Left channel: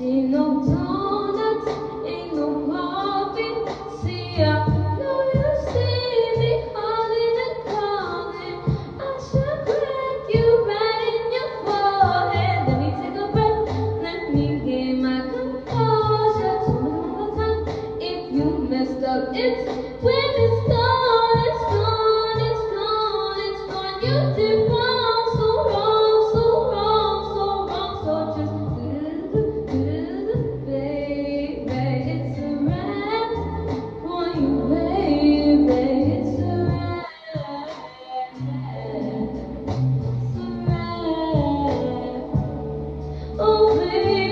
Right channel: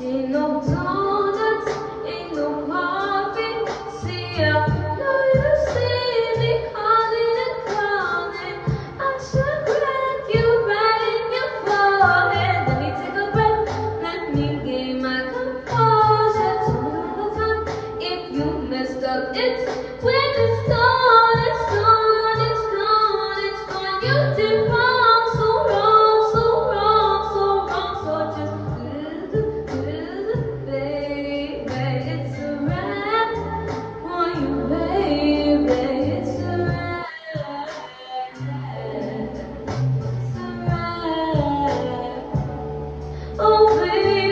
Ain't no donuts, ain't no coffee. See, I know you see me calling and calling. I should crack you right in your forehead. Let me take a breath, let me gain my composure. Tell me one more time if you messed up. It's when it's gone, it's gone, it's gone, it's gone. You did wrong, so wrong, so wrong, so wrong. So just baby, it's a wrap for you, baby. It's a wrap. It's a wrap. Oh, baby.